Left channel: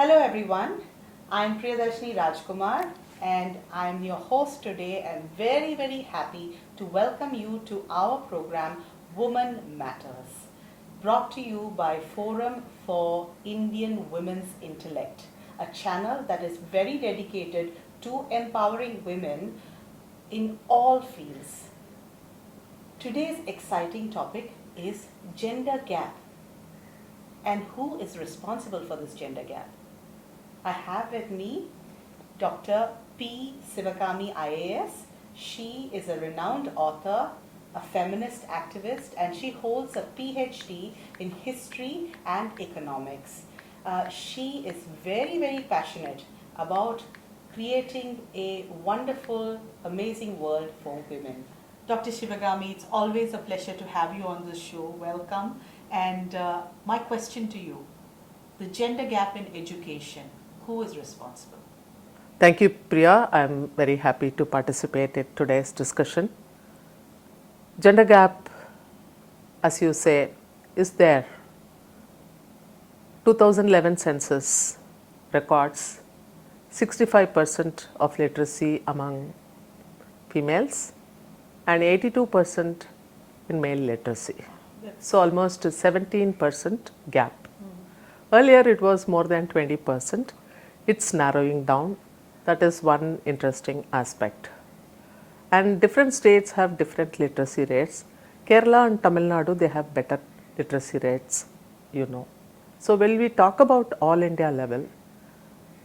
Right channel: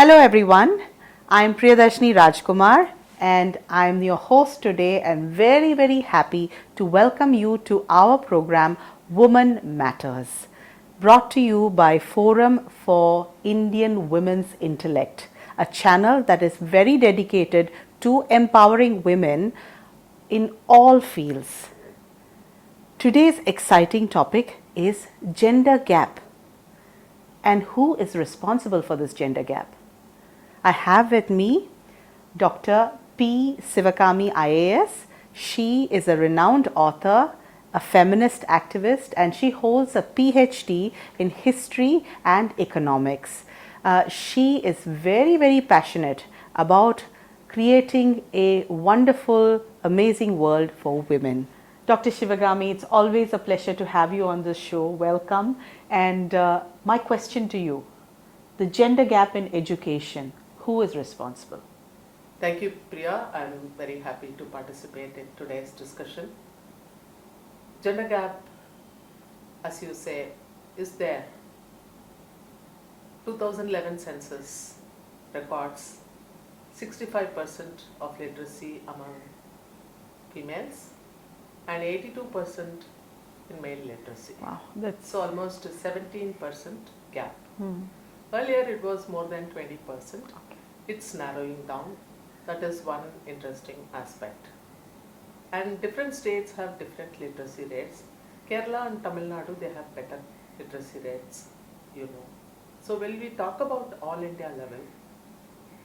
Hello everyone, I'm Priyadarshini Rajkumar and I'm your host today and very happy to welcome you to our program Woman Matters, brought to you by Forum for Indian Women's Intellect, a channel that is very dedicated to empowering women in all fields. Today's exciting topic is gender gap. And who is responsible for this gender gap? I have with me Dr. P. Sivakami IAS. She is a renowned author, a feminist activist, and she holds a PhD in history and economics. She is very passionate about creating a wonderful, amazing world for women. Dr. Shivagami, it's always a pleasure to have you on this show. Welcome. And my question to you, the gender gap in education, who is responsible? Thank you, Priya. I'm very happy to participate in today's discussion. Gender gap, as you say, is there. 2011 census records 65% of literacy among females and 82% in male literacy. Wow, that's so almost 17% gap. Earlier it was more than 20%. It's narrowing down. That is one interesting aspect. And different states have different literacy rates. Kerala and Tamil Nadu, they have better literacy rates, you know. So when we talk about all India level,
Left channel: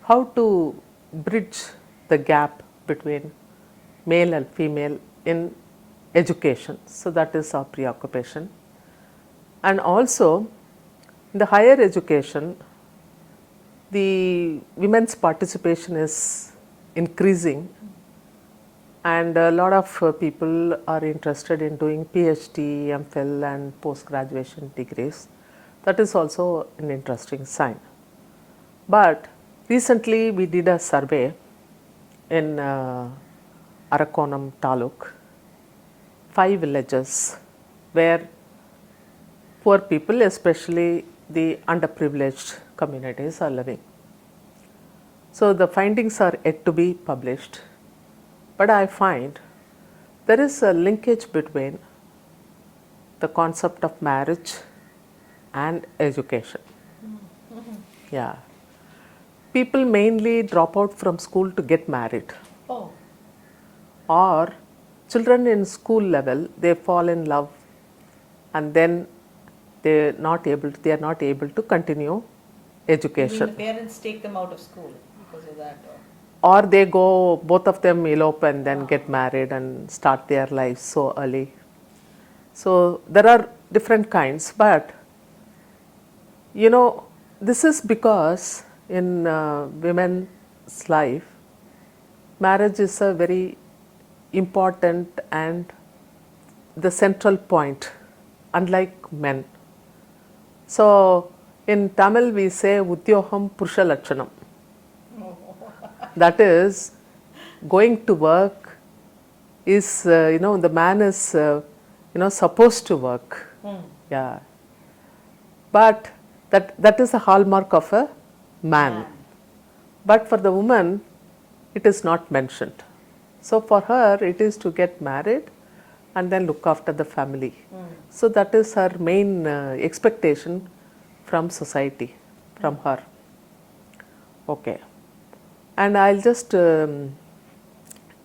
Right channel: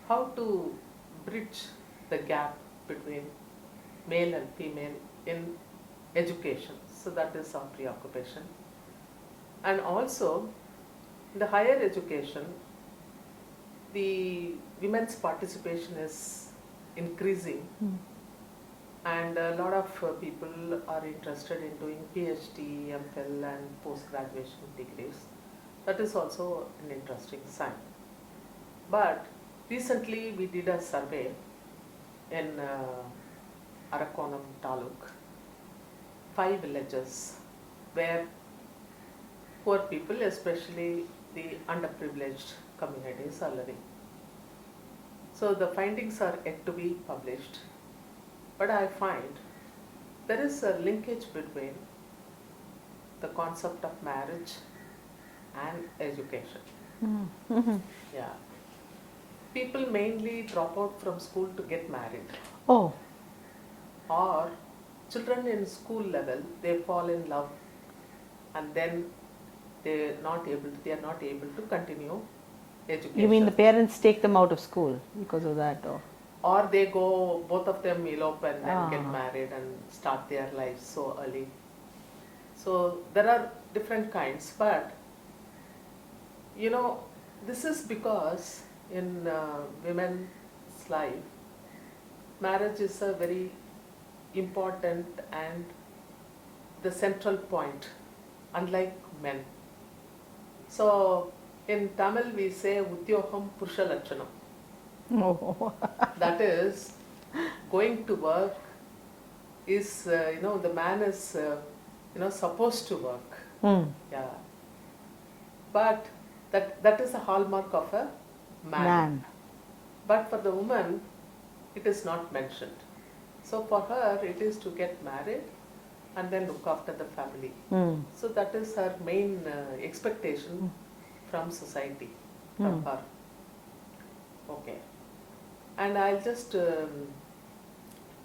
how to bridge the gap between male and female in education. So that is our preoccupation. And also in the higher education, the women's participation is increasing and a lot of people are interested in doing PhD, MPhil and post-graduation degrees. That is also an interesting sign. But recently we did a survey in Arakonam Taluk, 5 villages where poor people, especially the underprivileged communities, are living. So the findings are yet to be published, but I find there is a linkage between the concept of marriage and education. Yeah. People mainly drop out from school to get married. Oh, Or children in school level, they fall in love and then they are not able to continue you education. mean the parents take them out of school because of that? Or they go, both of them elope and then get married and start their lives so early. So there are different kinds, but you know, this is because in women's life, marriage is a very important and the central point, unlike men. So in Tamil we say Udyogam Purusha Lakshanam. Oh. That is, going to work is, the man is, supposed to work. Yeah. But that is a hallmark of a man. But for the woman, it is not mentioned. So for her, it is to get married and then look after the family. So that is her main expectation from society, from her. Okay. And I'll just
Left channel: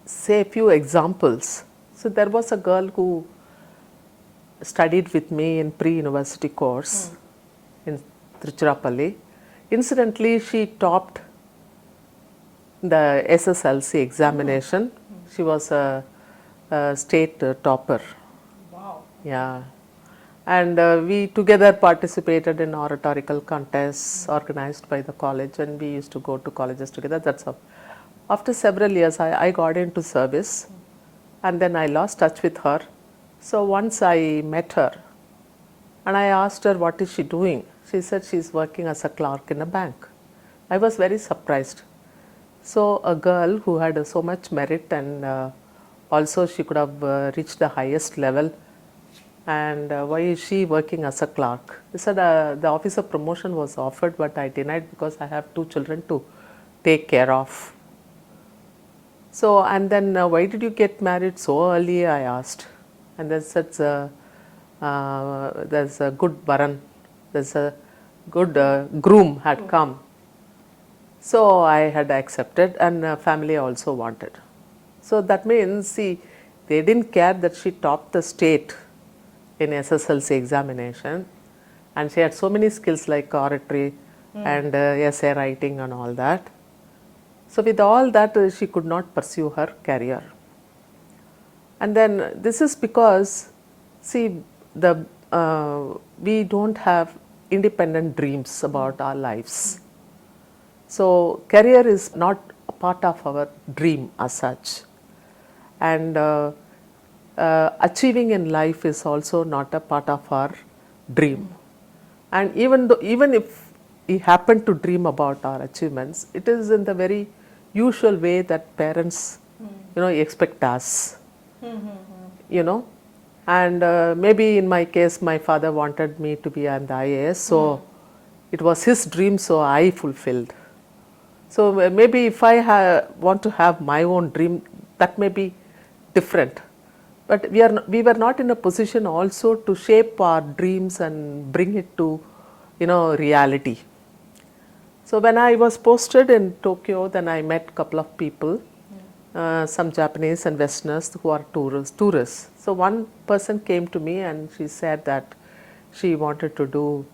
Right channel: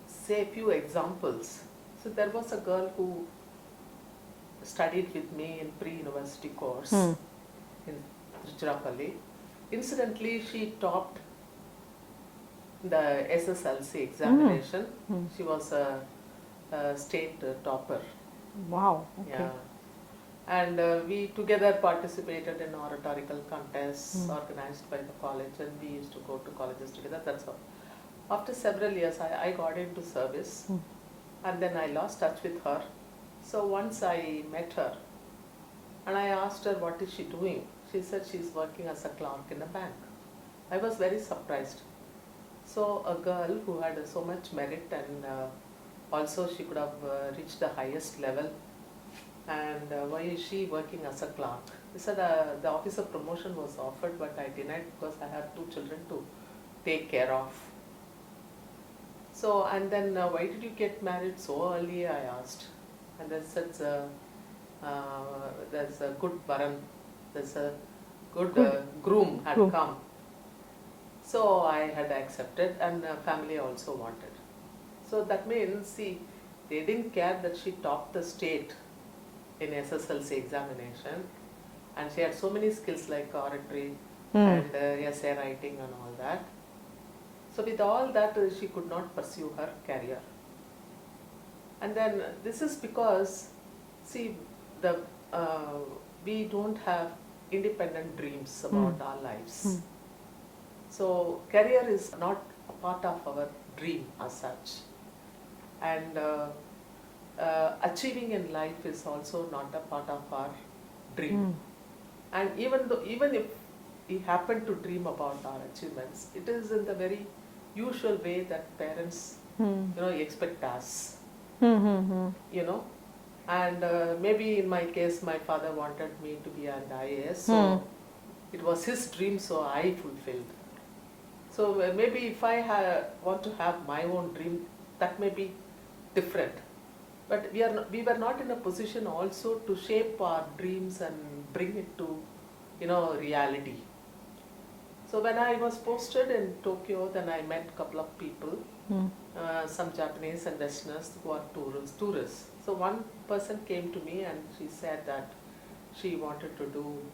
say a few examples. So there was a girl who studied with me in pre-university course in Tiruchirappalli. Incidentally, she topped the SSLC examination. She was a state topper. Wow. Okay. Yeah. And we together participated in oratorical contests organized by the college, and we used to go to colleges together. That's how. After several years, I got into service and then I lost touch with her. So once I met her and I asked her what is she doing. She said she is working as a clerk in a bank. I was very surprised. So a girl who had so much merit and also she could have reached the highest level and why is she working as a clerk? He said the officer promotion was offered, but I denied because I have 2 children to take care of. So, and then why did you get married so early? I asked, and they said there's a good varan, there's a good groom had come. So I had accepted, and family also wanted. So that means, see, they didn't care that she topped the state in SSLC examination, and she had so many skills like oratory and essay writing and all that. So with all that, she could not pursue her career. And then this is because, see, the we don't have independent dreams about our lives. So career is not a part of our dream as such, and achieving in life is also not a part of our dream. And even if we happen to dream about our achievements, it is in the very usual way that parents, expect us. And maybe in my case, my father wanted me to be an IAS, so it was his dream, so I fulfilled. So maybe if I want to have my own dream, that may be different. But we were not in a position also to shape our dreams and bring it to, reality. So when I was posted in Tokyo, then I met a couple of people, some Japanese and Westerners who are tourists. So one person came to me and she said that she wanted to do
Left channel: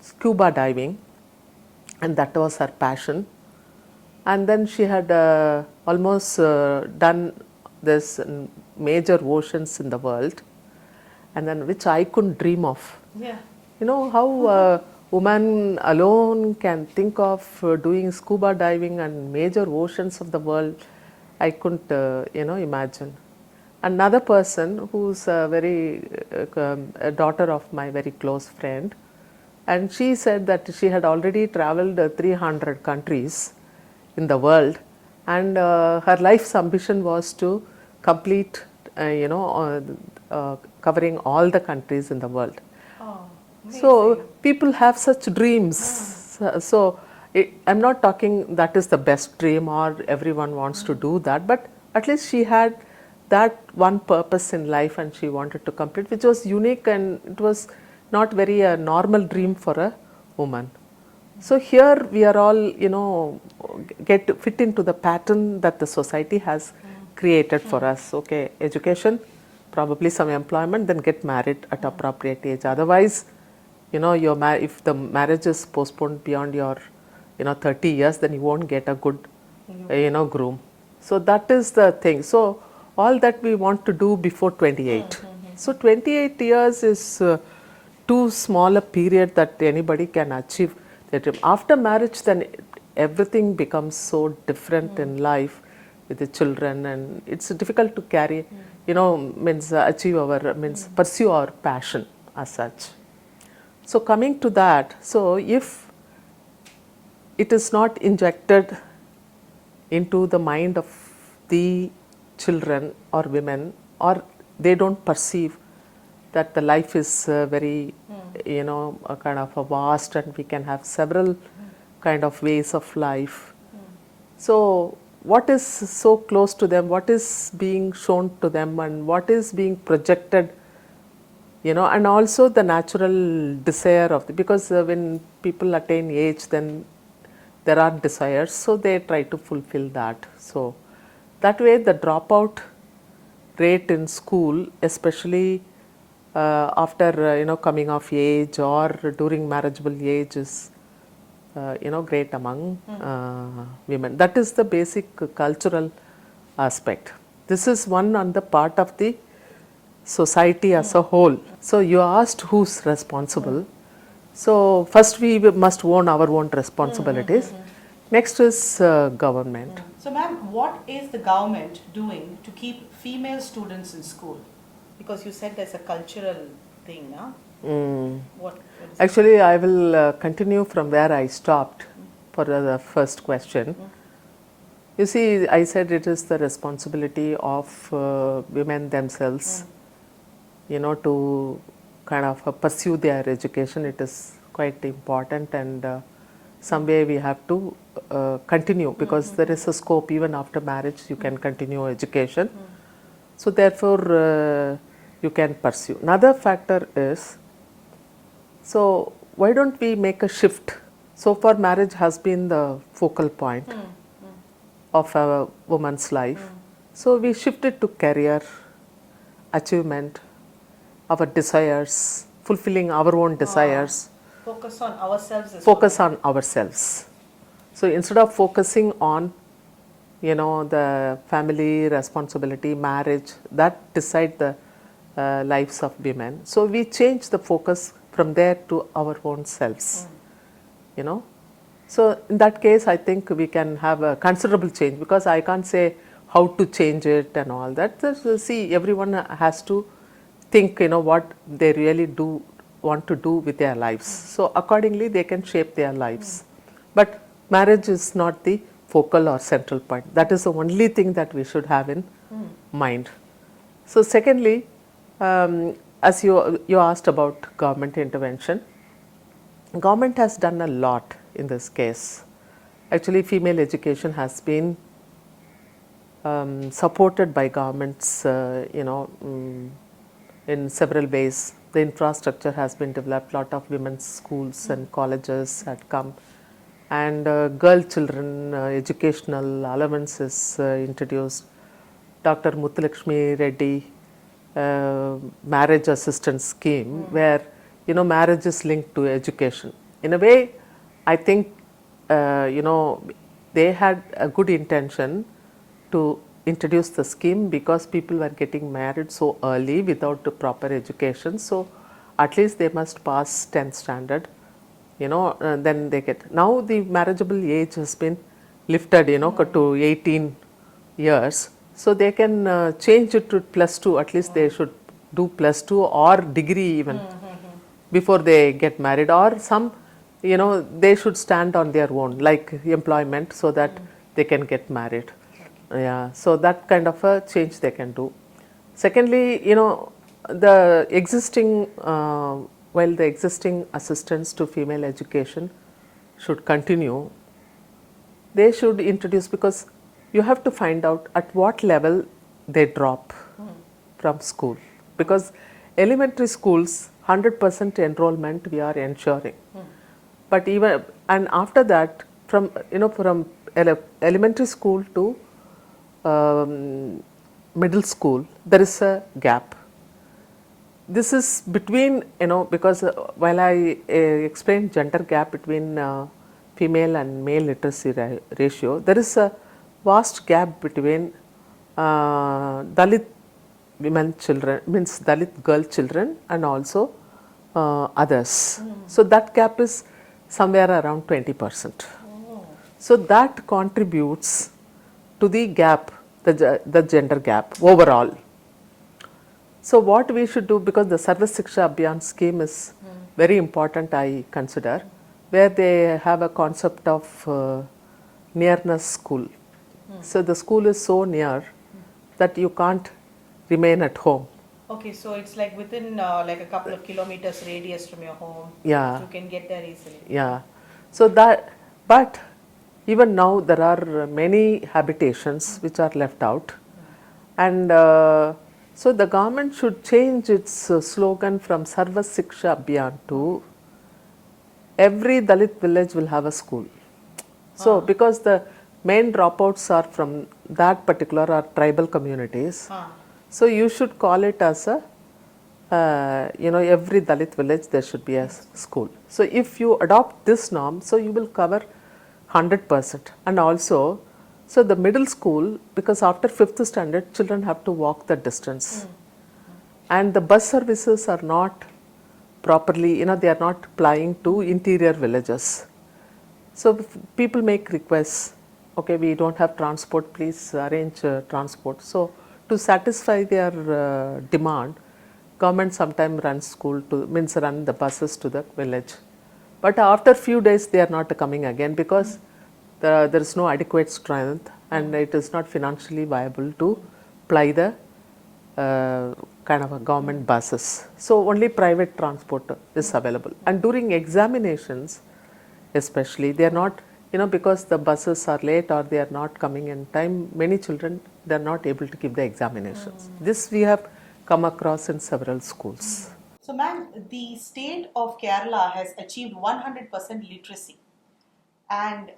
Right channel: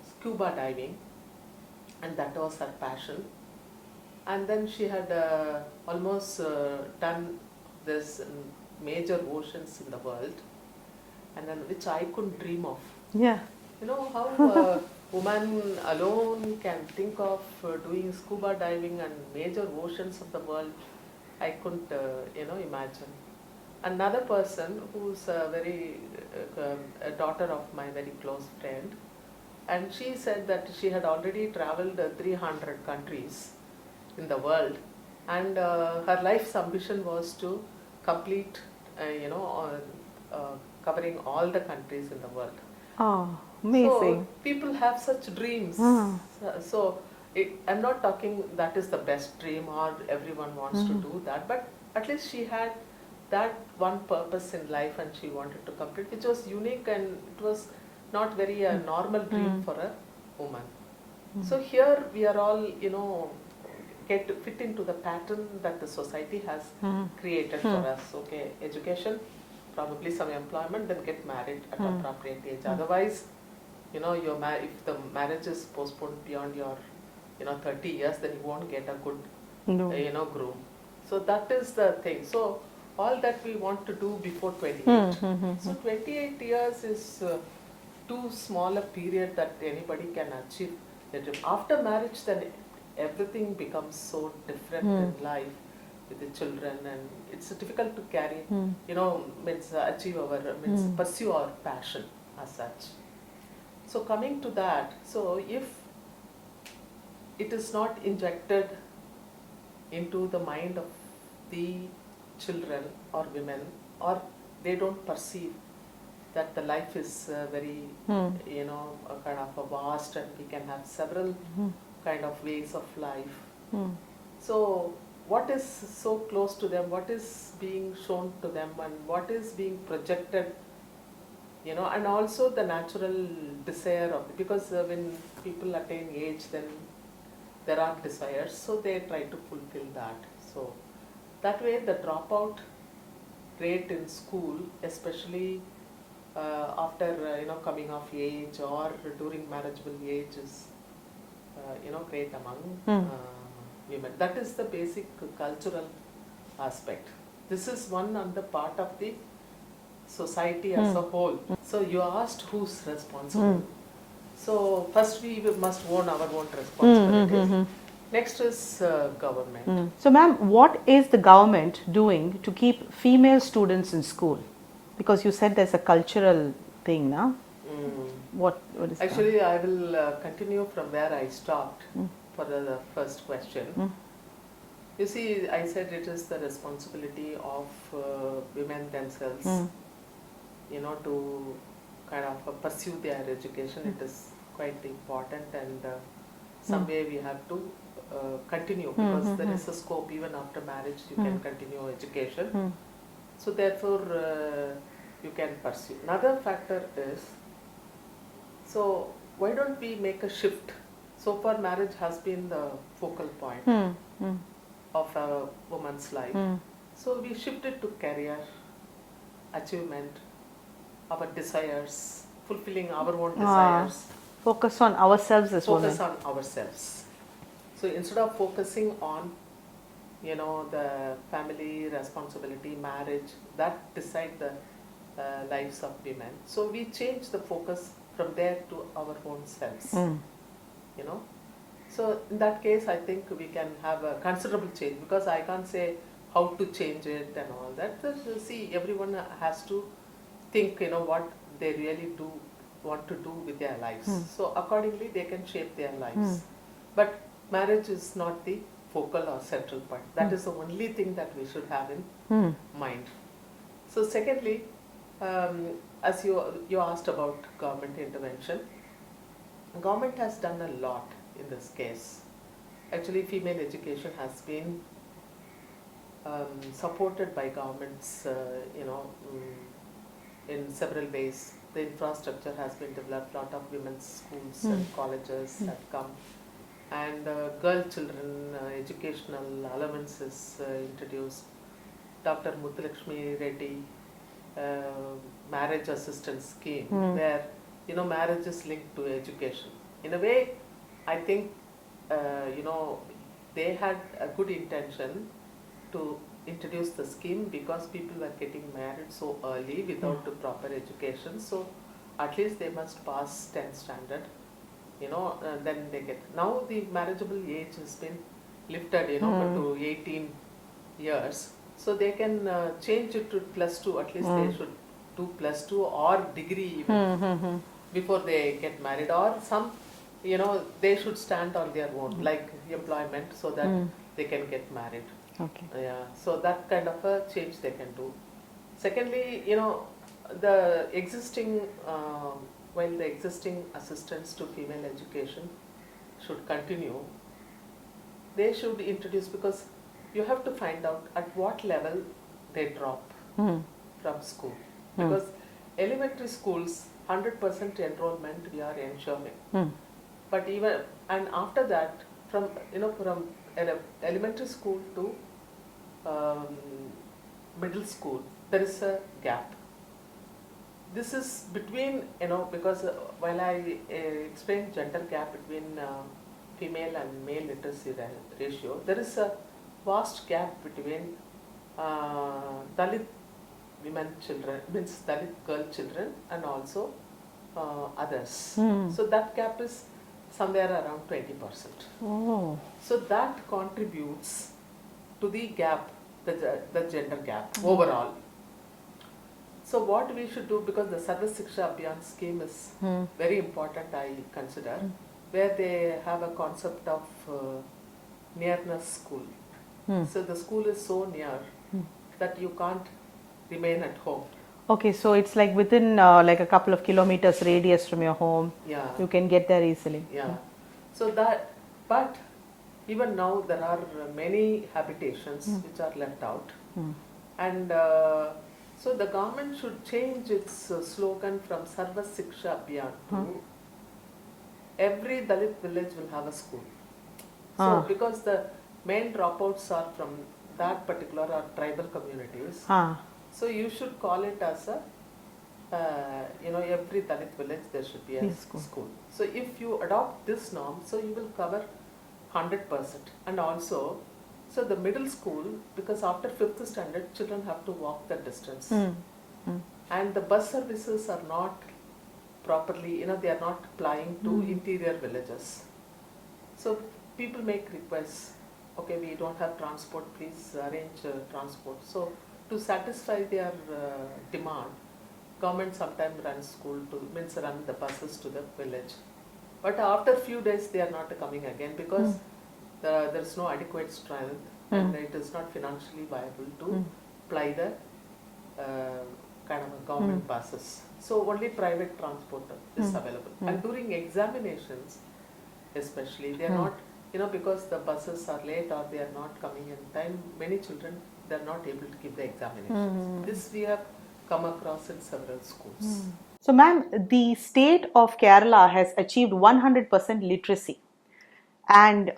scuba diving, and that was her passion. And then she had almost done this major oceans in the world, and then which I couldn't dream of. Yeah. You know how a woman alone can think of doing scuba diving and major oceans of the world. I couldn't, imagine. Another person who's a daughter of my very close friend, and she said that she had already traveled 300 countries in the world, and her life's ambition was to complete, covering all the countries in the world. Oh, amazing. So people have such dreams. So I'm not talking that is the best dream or everyone wants to do that, but at least she had that one purpose in life and she wanted to complete, which was unique, and it was not very a normal dream for a woman. So here we are all, fit into the pattern that the society has created for us. Okay, education, probably some employment, then get married at appropriate age. Otherwise, if the marriage is postponed beyond your, 30 years, then you won't get a good, groom. So that is the thing. So all that we want to do before 28. So 28 years is too small a period that anybody can achieve their dream. After marriage, then everything becomes so different in life with the children, and it's difficult to carry, achieve our, pursue our passion as such. So coming to that, so if it is not injected into the mind of the children or women, or they don't perceive that the life is very, a kind of a vast, and we can have several kind of ways of life. So what is so close to them, what is being shown to them, and what is being projected, and also the natural desire of because when people attain age, then there are desires, so they try to fulfill that. So that way the dropout rate in school, especially after coming of age or during marriageable age, is great among women. That is the basic cultural aspect. This is one on the part of the society as a whole. So you asked who's responsible. So first we must own our own responsibilities. Next is government. So ma'am, what is the government doing to keep female students in school? Because you said there's a cultural thing, now. What is Actually, I will continue from where I stopped for the first question. You see, I said it is the responsibility of women themselves to kind of pursue their education. It is quite important, and some way we have to continue, because there is a scope even after marriage you can continue education. So therefore you can pursue. Another factor is, so why don't we make a shift? So far marriage has been the focal point of a woman's life. So we shifted to career, achievement, our desires, fulfilling our own desires. Focus on ourselves as Focus women. on ourselves. So instead of focusing on, the family responsibility, marriage, that decide the lives of women. So we change the focus from there to our own selves. So in that case, I think we can have a considerable change, because I can't say how to change it and all that. See, everyone has to think, what they really do want to do with their lives. So accordingly, they can shape their lives. But marriage is not the focal or central point. That is the only thing that we should have in mind. So secondly, as you asked about government intervention, government has done a lot in this case. Actually, female education has been supported by governments, in several ways. The infrastructure has been developed. Lot of women's schools and colleges had come, and girl children educational allowances introduced. Dr. Muthulakshmi Reddy marriage assistance scheme, where marriage is linked to education. In a way, I think they had a good intention to introduce the scheme, because people were getting married so early without the proper education. So at least they must pass 10th standard, then they get. Now the marriageable age has been lifted, to 18 years. So they can change it to +2. At least they should do +2 or degree even before they get married, or some, they should stand on their own, like employment, so that they can get married. Okay. Yeah, so that kind of a change they can do. Secondly, the existing, while the existing assistance to female education should continue, they should introduce, because you have to find out at what level they drop from school, because elementary schools 100% enrollment we are ensuring, but even, and after that, from from elementary school to middle school, there is a gap. This is between, because while I explained gender gap between female and male literacy ratio, there is a vast gap between Dalit women children, means Dalit girl children, and also others. So that gap is somewhere around 20%. Oh. So that contributes to the gap, the gender gap overall. So what we should do, because the Sarva Shiksha Abhiyan scheme is very important, I consider, where they have a concept of nearness school. So the school is so near that you can't remain at home. Okay, so it's like within like a couple of kilometers radius from your home. Yeah. You can get there easily. Yeah. So that, but even now there are many habitations which are left out, and so the government should change its slogan from Sarva Shiksha Abhiyan to every Dalit village will have a school. So because the main dropouts are from that particular or tribal communities, so you should call it as a every Dalit village there should be a school. So if you adopt this norm, so you will cover 100%. And also, so the middle school, because after 5th standard, children have to walk the distance. And the bus services are not properly, they are not plying to interior villages. So people make requests, okay, we don't have transport, please arrange transport. So to satisfy their demand, government sometimes runs school to, means run the buses to the village. But after few days they are not coming again, because there is no adequate strength, and it is not financially viable to ply the kind of a government buses. So only private transport is available. And during examinations, especially, they are not, because the buses are late or they are not coming in time, many children, they are not able to give the examinations. This we have come across in several schools. So, ma'am, the state of Kerala has achieved 100% literacy. And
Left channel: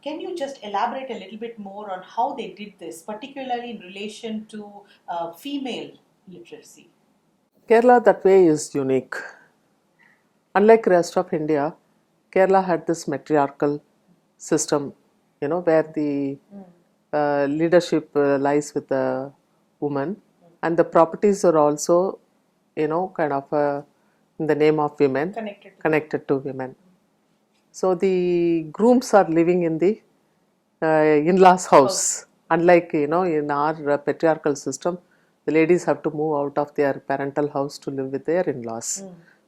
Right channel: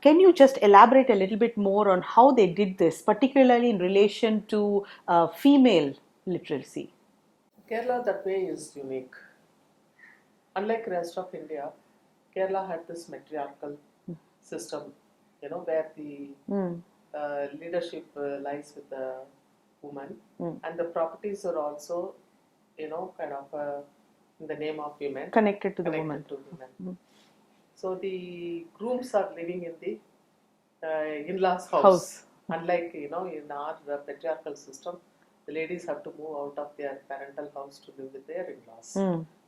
can you just elaborate a little bit more on how they did this, particularly in relation to female literacy? Kerala that way is unique. Unlike rest of India, Kerala had this matriarchal system, where the leadership lies with the woman, and the properties are also, kind of in the name of women, Connected to to women. So the grooms are living in the in-laws house. Unlike in our patriarchal system, the ladies have to move out of their parental house to live with their in-laws.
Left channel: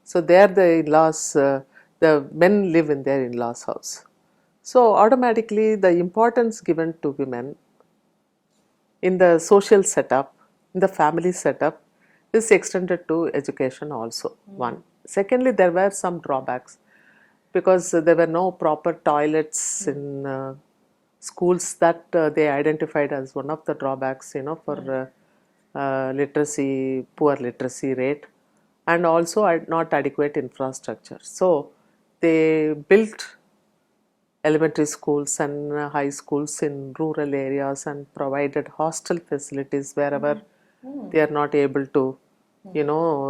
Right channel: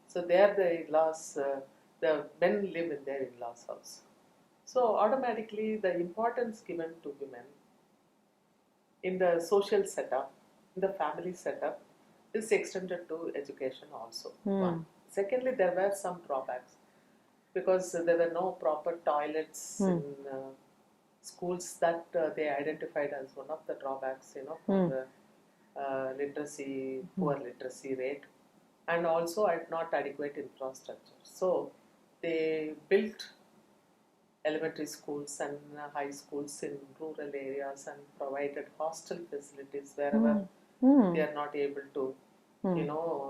So there the in-laws, the men live in their in-laws house. So automatically the importance given to women in the social setup, in the family setup, is extended to education also. One. Secondly, there were some drawbacks because there were no proper toilets in schools that they identified as one of the drawbacks, for literacy, poor literacy rate, and also not adequate infrastructure. So they built elementary schools and high schools in rural areas and provided hostel facilities wherever they are not able to,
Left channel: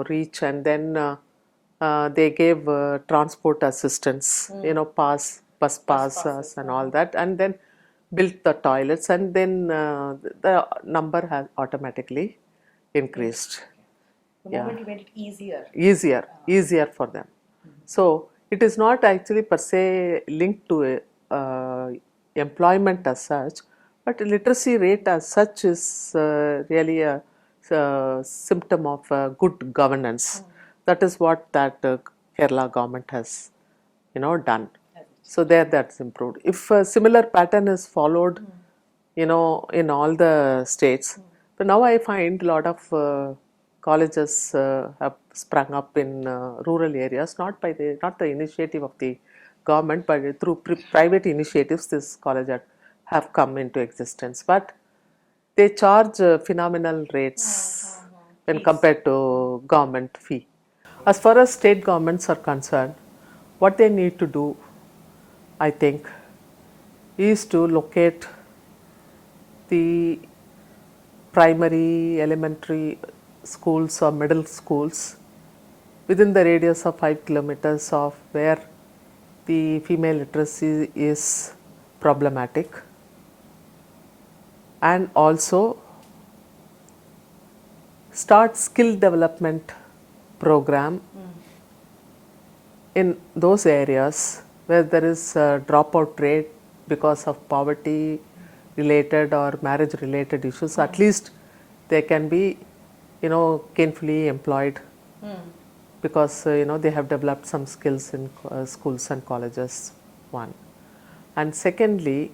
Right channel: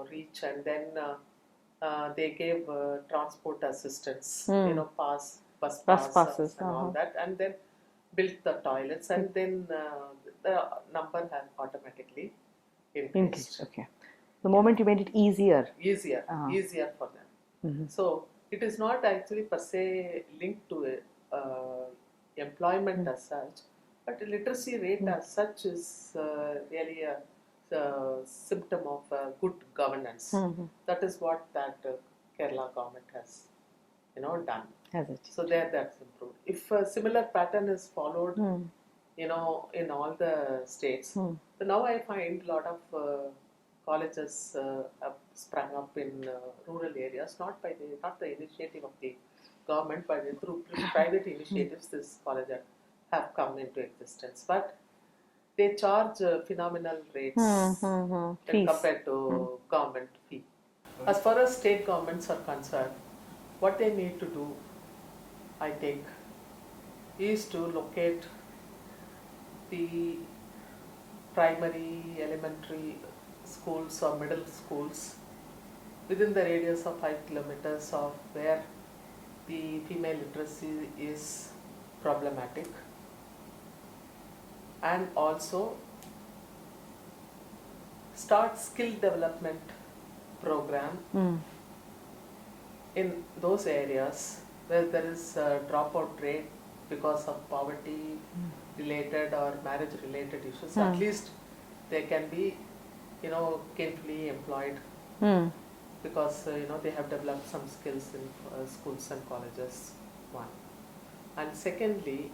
reach. And then they gave transport assistance, bus passes and all that, and then built the toilets, and then the number has automatically increased. Okay. The moment you made it easier. Easier for them. So it is not actually per se linked to employment as such, but literacy rate as such is really a symptom of good governance. That is what that Kerala government has, done. So there that's improved. If a similar pattern is followed, in all the states, but now I find a lot of colleges have sprung up in rural areas, not the initiative of the government, but through private initiatives. This college have come into existence, but they charge phenomenal rates when compared to government fee. As far as state governments are concerned, what they need to do, I think, is to locate the primary, elementary schools or middle schools within the radius of 5 kilometers of where the female literacy is problematic, and also start skill development program in those areas where there is a dropout rate because of poverty related or marriage related issues. At least they can be, gainfully employed because they have developed some skills in schools and colleges. One. And secondly,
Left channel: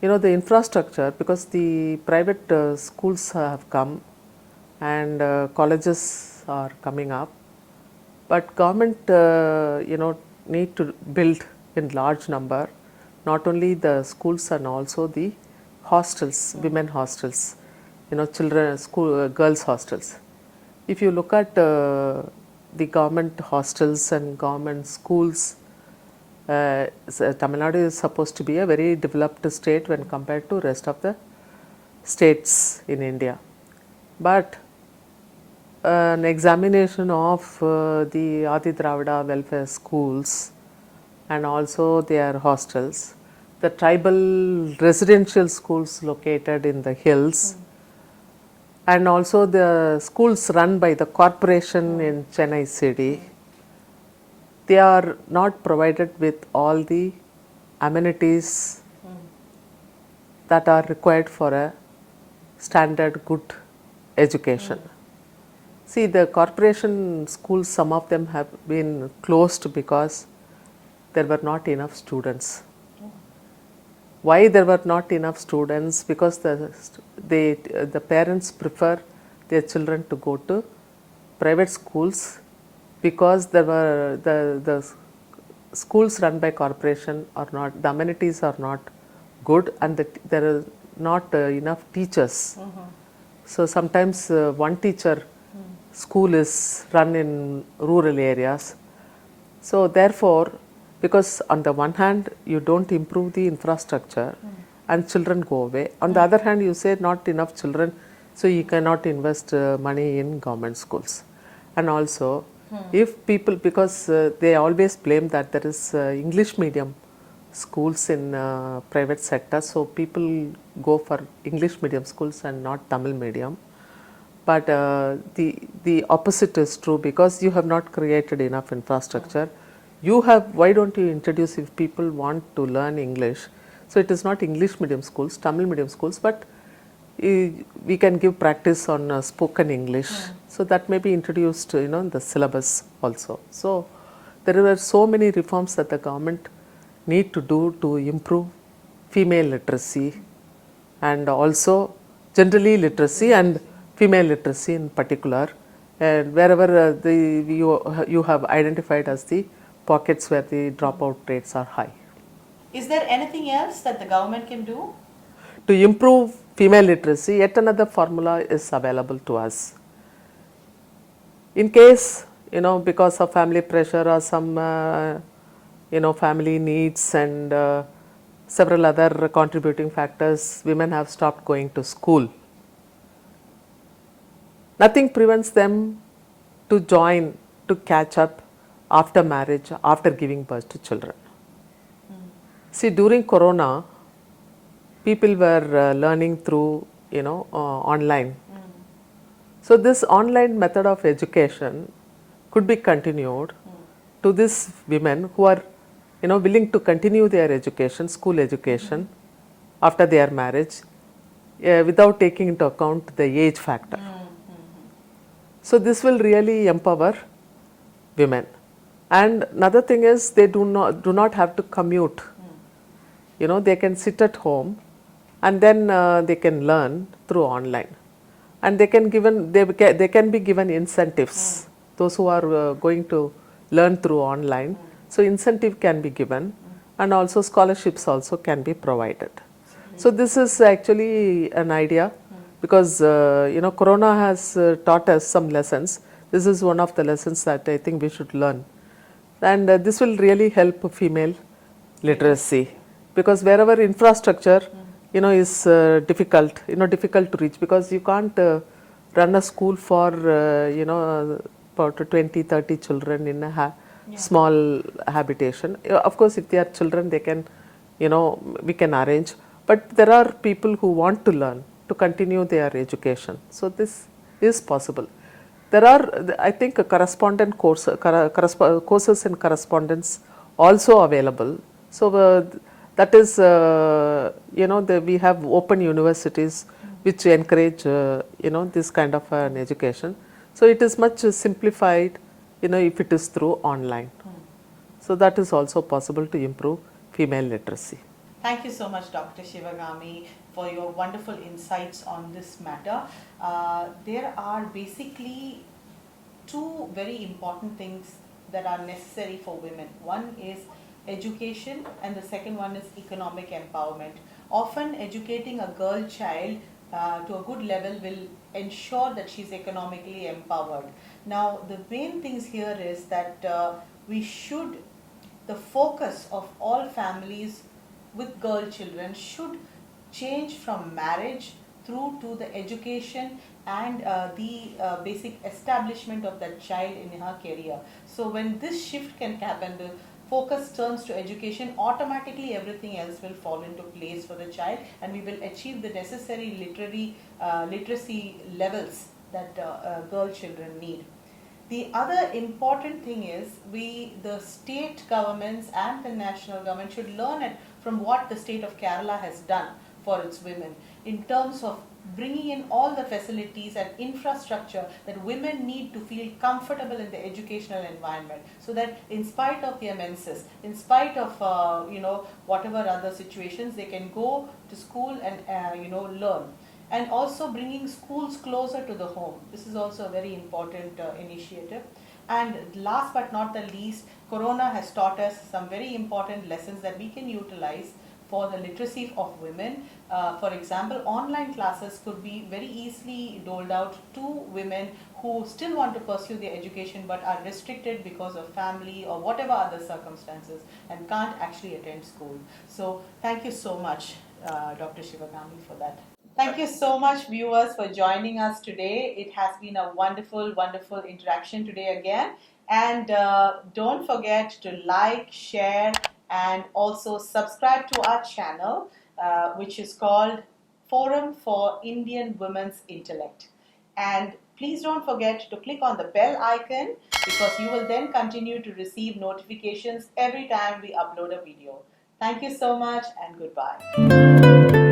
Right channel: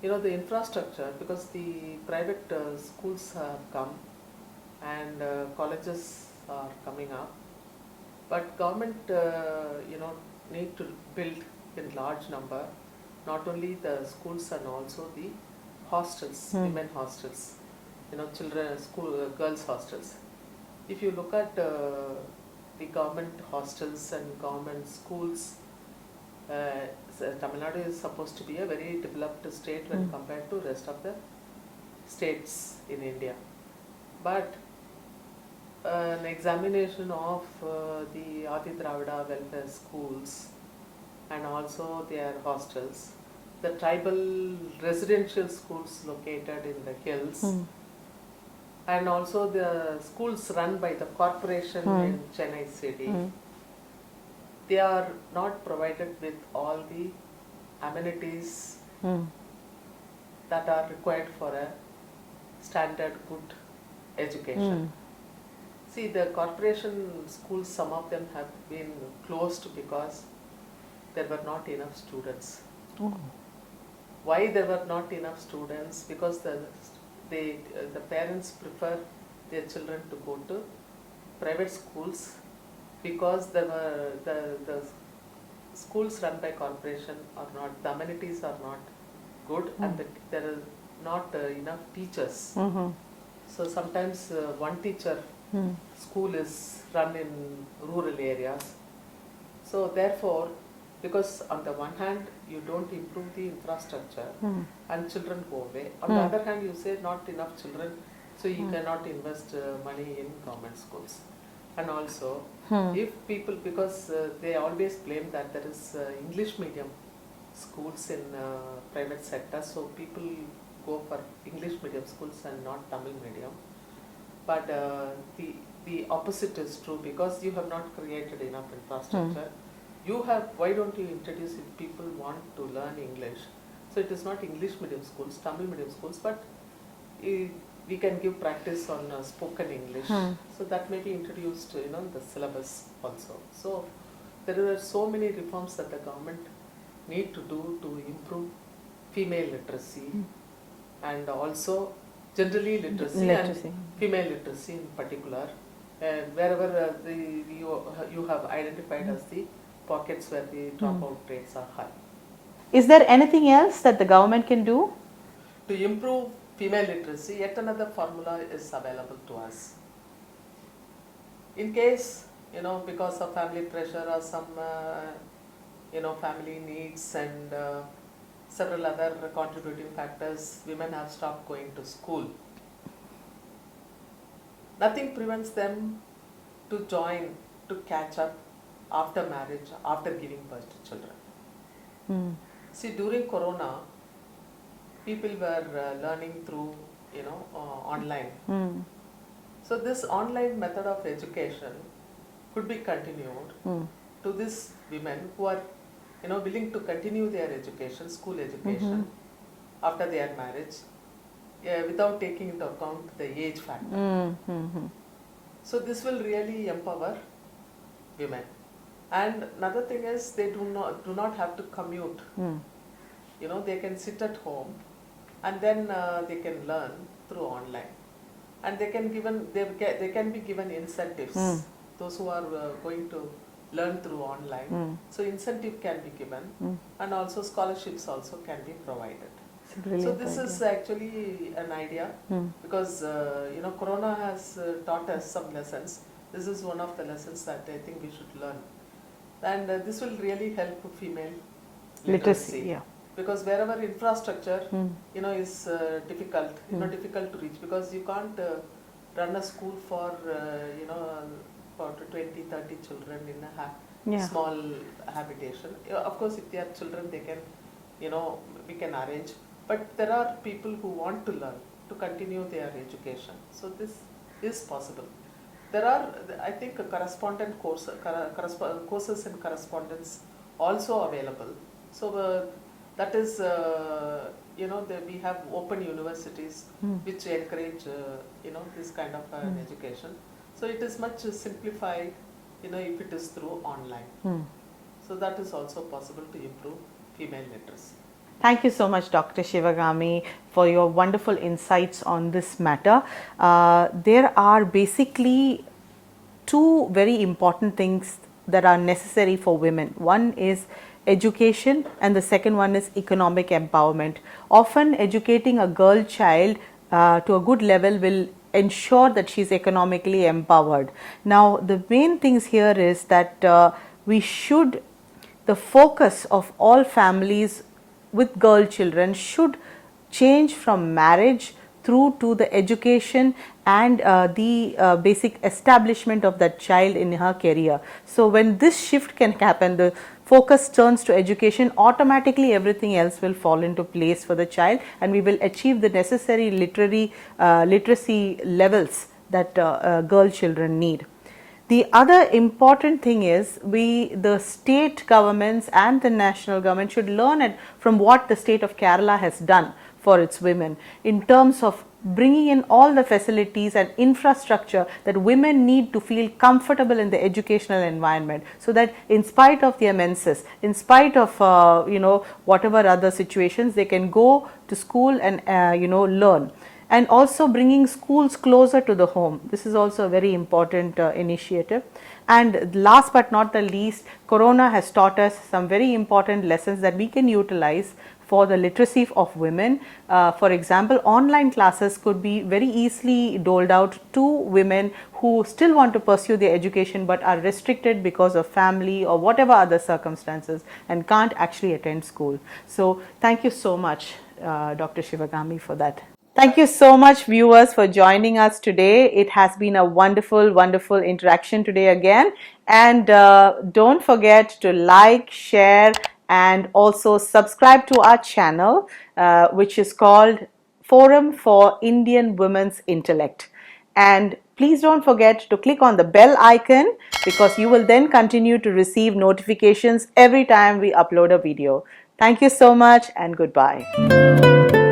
the infrastructure, because the private schools have come and colleges are coming up, but government need to build in large number not only the schools and also the hostels, women hostels, children school girls hostels. If you look at the government hostels and government schools, Tamil Nadu is supposed to be a very developed state when compared to rest of the states in India. But an examination of the Adi Dravida welfare schools and also their hostels, the tribal residential schools located in the hills, and also the schools run by the corporation in Chennai city, they are not provided with all the amenities that are required for a standard good education. See, the corporation schools, some of them have been closed because there were not enough students. Why there were not enough students? Because the parents prefer their children to go to private schools because there were the schools run by corporation are not, the amenities are not good, and there are not enough teachers. So sometimes one teacher school is run in rural areas. So therefore, because on the one hand you don't improve the infrastructure and children go away, on the other hand you say not enough children, so you cannot invest money in government schools. And also if people, because they always blame that there is English medium schools in private sector, so people go for English medium schools and not Tamil medium. But the opposite is true, because you have not created enough infrastructure. You have, why don't you introduce, if people want to learn English, so it is not English medium schools, Tamil medium schools, but we can give practice on spoken English. So that may be introduced, in the syllabus also. So there are so many reforms that the government need to do to improve female literacy and also generally literacy and female literacy in particular, and wherever you have identified as the pockets where the dropout rates are high. Is there anything else that the government can do? To improve female literacy, yet another formula is available to us. In case, because of family pressure or some, family needs and several other contributing factors, women have stopped going to school. Nothing prevents them to join, to catch up after marriage, after giving birth to children. See, during Corona, people were learning through, online. So this online method of education could be continued to these women who are, willing to continue their education, school education, after their marriage, without taking into account the age factor. So this will really empower women. And another thing is, they do not have to commute. They can sit at home and then they can learn through online, and they can be given incentives. Those who are going to learn through online, so incentive can be given, and also scholarships also can be provided. So this is actually an idea, because Corona has taught us some lessons. This is one of the lessons that I think we should learn, and this will really help female literacy. Because wherever infrastructure is difficult to reach, because you can't run a school for about 20-30 children in a small habitation. Of course, if they are children, they can, we can arrange, but there are people who want to learn, to continue their education. So this is possible. There are, I think, correspondent courses in correspondence also available. So that is, we have open universities which encourage, this kind of an education. So it is much simplified, if it is through online. So that is also possible to improve female literacy. Thank you so much, Dr. Shivagami, for your wonderful insights on this matter. There are basically two very important things that are necessary for women. One is education, and the second one is economic empowerment. Often educating a girl child to a good level will ensure that she is economically empowered. Now the main things here is that the focus of all families with girl children should change from marriage through to the education and the basic establishment of that child in her career. So when this shift can happen, the focus turns to education, automatically everything else will fall into place for the child, and we will achieve the necessary literacy levels that girl children need. The other important thing is the state governments and the national government should learn from what the state of Kerala has done for its women in terms of bringing in all the facilities and infrastructure that women need to feel comfortable in the educational environment, so that in spite of their menses, in spite of whatever other situations, they can go to school and learn. and also bringing schools closer to the home. This is also a very important initiative. And last but not the least, Corona has taught us some very important lessons that we can utilize for the literacy of women. For example, online classes could be very easily doled out to women who still want to pursue their education but are restricted because of family or whatever other circumstances and can't actually attend school. So thank you so much, Dr. Shivagami, for that. Thank you so much, viewers, for joining us today. It has been a wonderful, wonderful interaction today again. And don't forget to like, share, and also subscribe to our channel, which is called Forum for Indian Women's Intellect. And please don't forget to click on the bell icon, because you will then continue to receive notifications every time we upload a video. Thank you so much, and goodbye.